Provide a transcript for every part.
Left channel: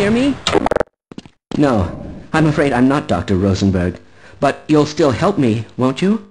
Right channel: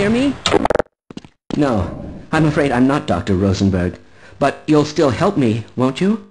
Hear me? No, I'm afraid I'm not Dr. Rosenberg. But you'll still help me, won't you?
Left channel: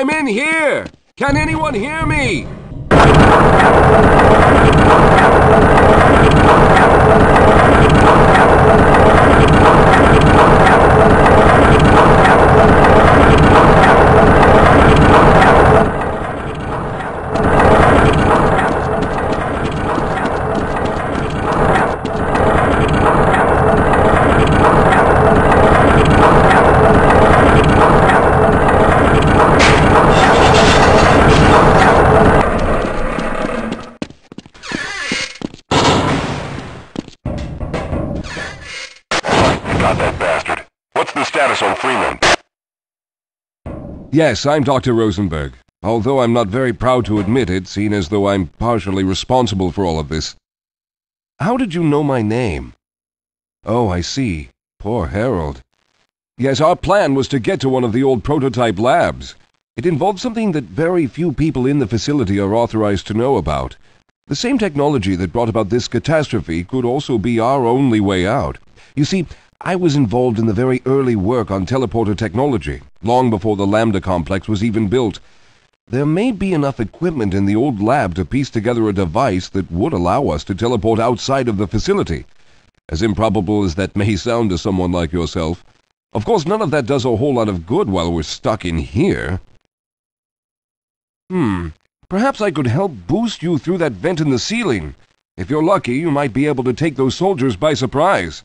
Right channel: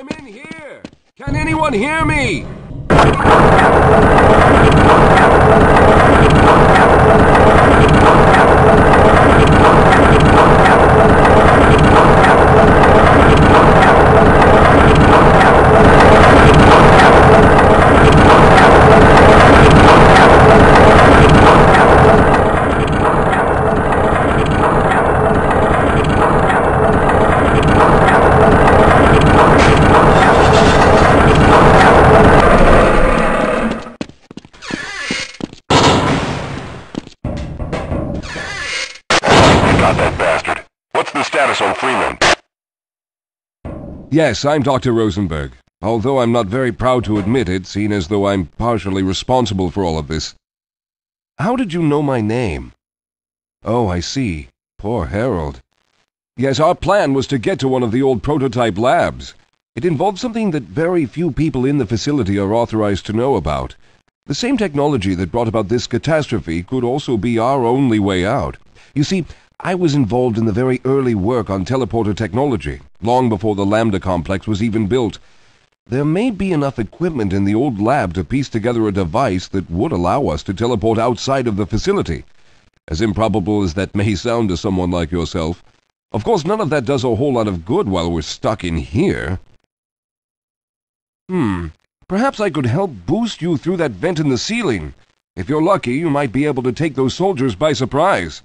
I'm in here! Can anyone hear me? Yes, I'm Dr. Rosenberg, although I'm not very proud to admit it, seeing as though I'm partially responsible for all of this. How did you know my name? Oh, I see. Poor Harold. Yes, our plan was to get to one of the old prototype labs. It involved something that very few people in the facility are authorized to know about. The same technology that brought about this catastrophe could also be our only way out. You see, I was involved in the very early work on teleporter technology, long before the Lambda complex was even built. There may be enough equipment in the old lab to piece together a device that would allow us to teleport outside of the facility. As improbable as that may sound to someone like yourself. Of course, none of that does a whole lot of good while we're stuck in here. Perhaps I could help boost you through that vent in the ceiling. If you're lucky, you might be able to take those soldiers by surprise.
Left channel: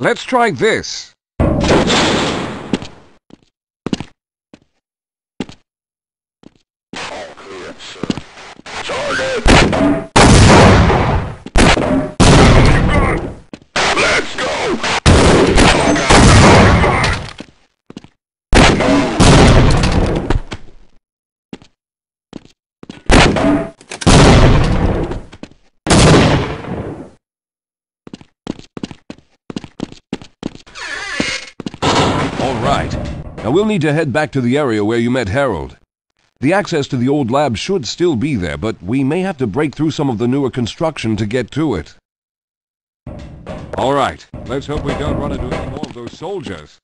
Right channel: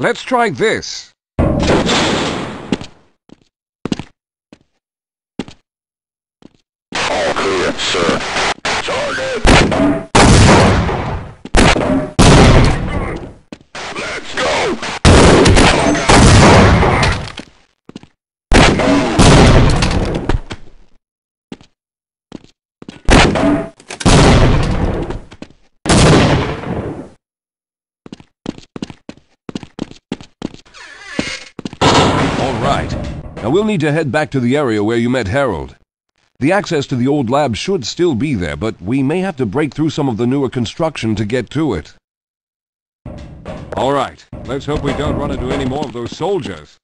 Let's try this. All clear, sir. Target. Let's go. Now we'll need to head back to the area where you met Harold. The access to the old lab should still be there, but we may have to break through some of the newer construction to get to it. All right, let's hope we don't run into any more of those soldiers.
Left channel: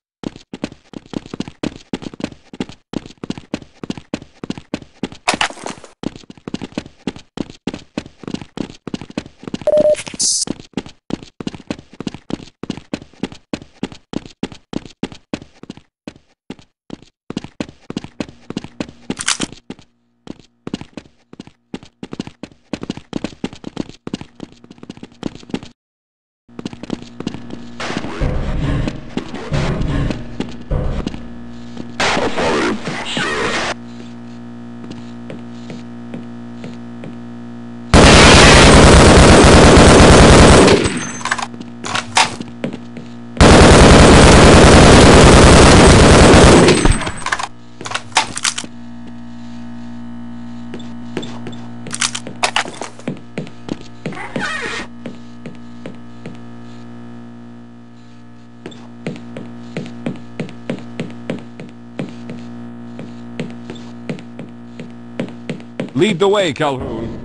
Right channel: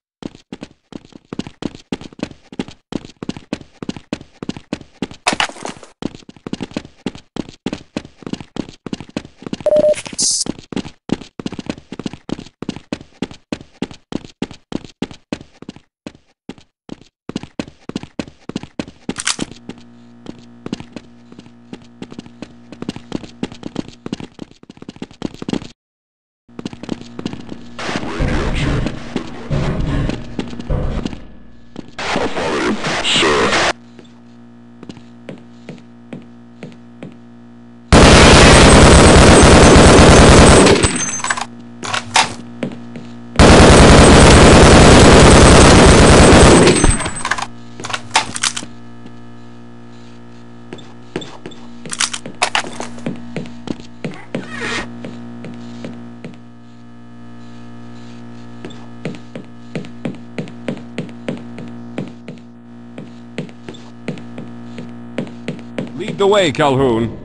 Lead the way, Calhoun.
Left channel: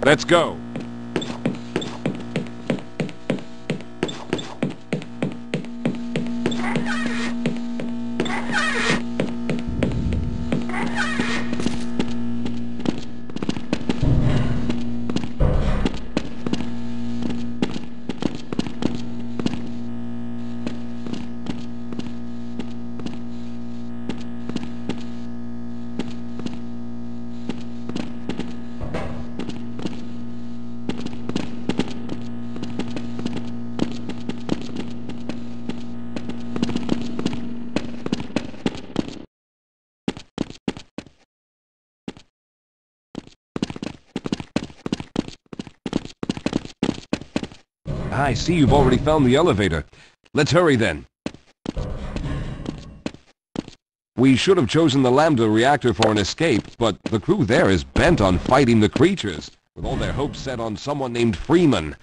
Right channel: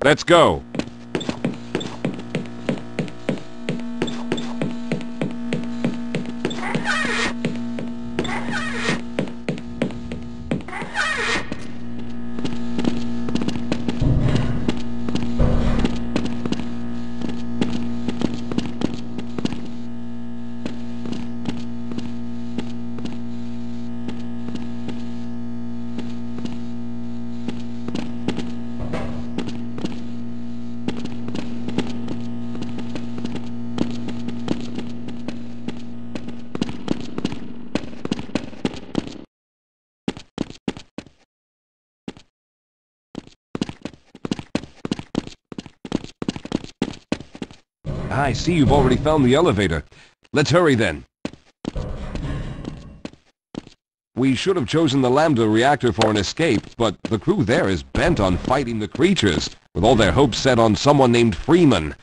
Let's go. I see you've already found the elevator. Let's hurry then. We should have chosen the Lambda reactor for an escape, but the crew there is bent on fighting the creatures. with all their hopes set on someone named Freeman.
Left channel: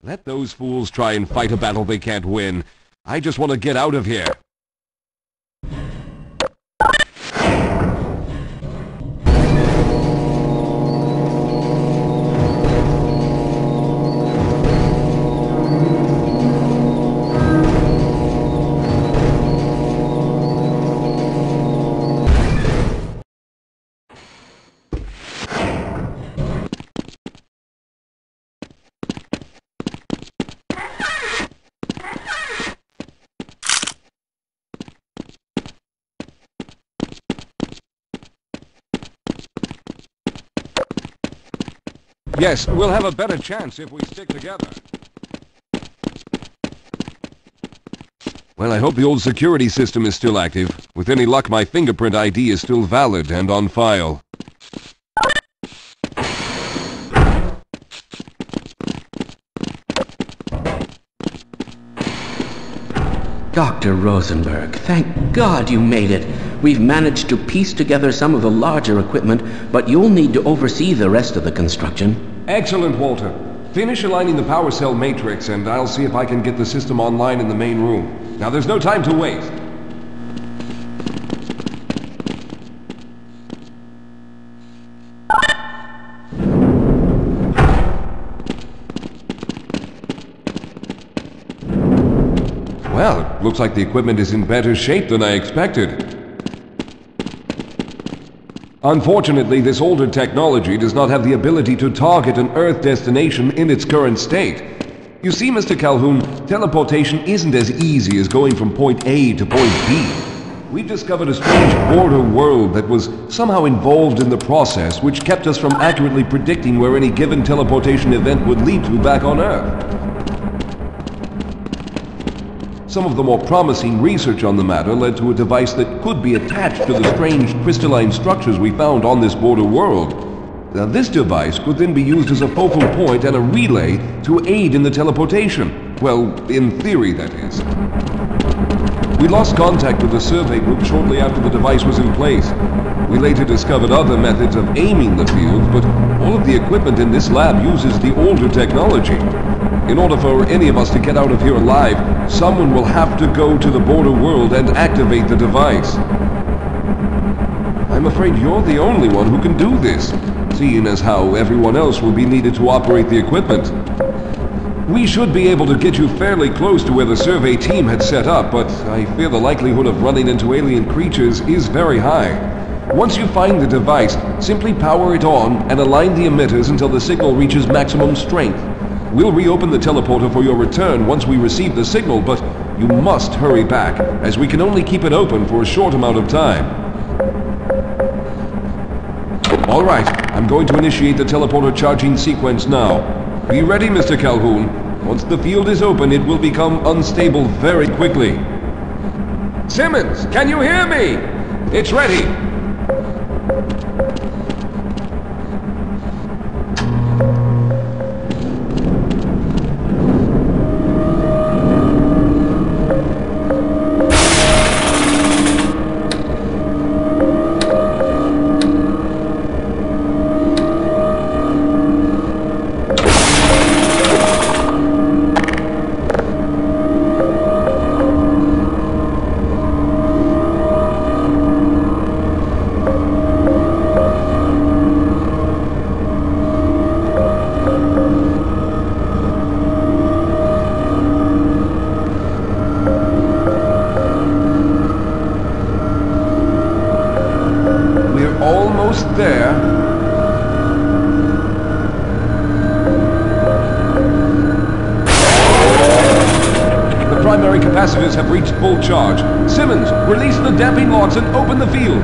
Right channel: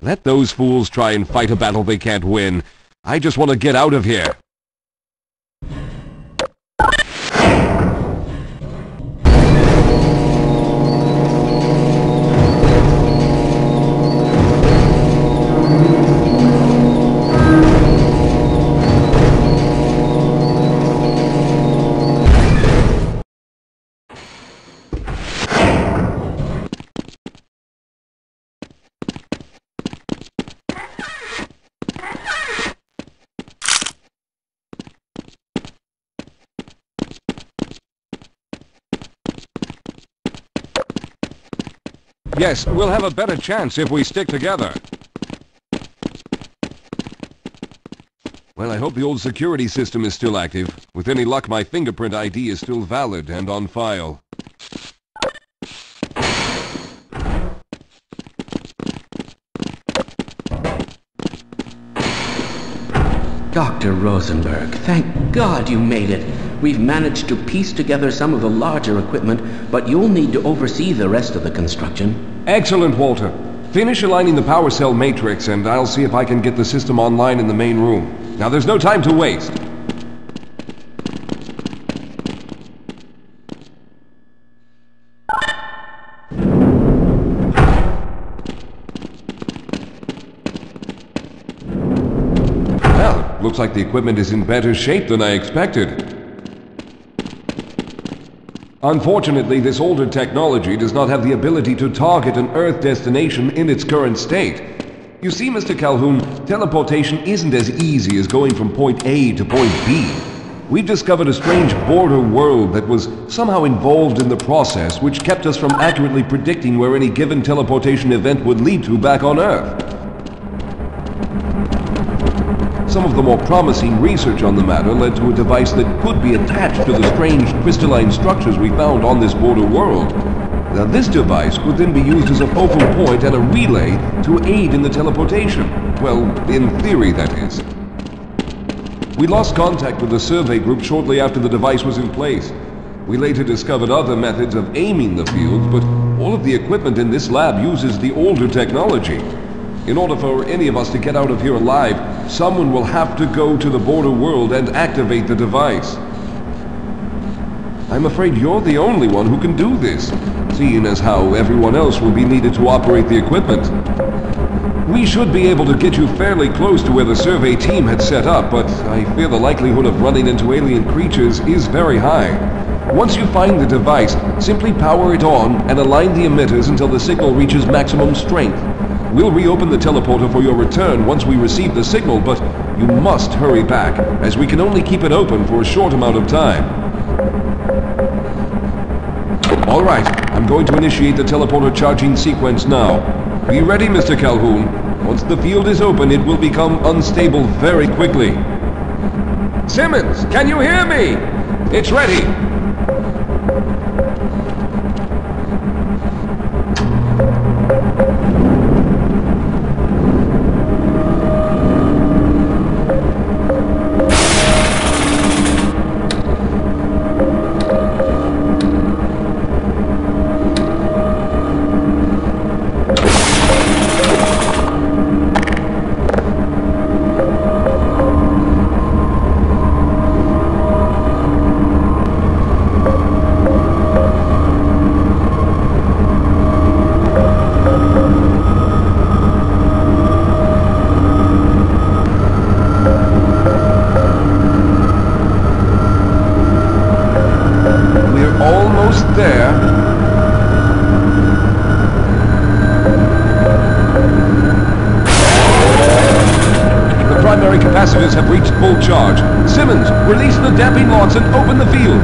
Let those fools try and fight a battle they can't win. I just want to get out of here. Yes, we'll have a better chance if we stick together. Well, I hope the old security system is still active. With any luck, my fingerprint ID is still valid and on file. Dr. Rosenberg, thank God you made it. We've managed to piece together some of the larger equipment, but you'll need to oversee the rest of the construction. Excellent, Walter. Finish aligning the power cell matrix, and I'll see if I can get the system online in the main room. Now, there's no time to waste. Well, looks like the equipment is in better shape than I expected. Unfortunately, this older technology does not have the ability to target an Earth destination in its current state. You see, Mr. Calhoun, teleportation isn't as easy as going from point A to point B. We've discovered a strange border world that was somehow involved in the process, which kept us from accurately predicting where any given teleportation event would lead to back on Earth. Some of the more promising research on the matter led to a device that could be attached to the strange crystalline structures we found on this border world. Now, this device could then be used as a focal point and a relay to aid in the teleportation. Well, in theory, that is. We lost contact with the survey group shortly after the device was in place. We later discovered other methods of aiming the field, but all of the equipment in this lab uses the older technology. In order for any of us to get out of here alive, someone will have to go to the border world and activate the device. I'm afraid you're the only one who can do this, seeing as how everyone else will be needed to operate the equipment. We should be able to get you fairly close to where the survey team had set up, but I fear the likelihood of running into alien creatures is very high. Once you find the device, simply power it on and align the emitters until the signal reaches maximum strength. We'll reopen the teleporter for your return once we receive the signal, but you must hurry back, as we can only keep it open for a short amount of time. All right, I'm going to initiate the teleporter charging sequence now. Be ready, Mr. Calhoun. Once the field is open, it will become unstable very quickly. Simmons, can you hear me? It's ready. Capacitors have reached full charge. Simmons, release the damping locks and open the field.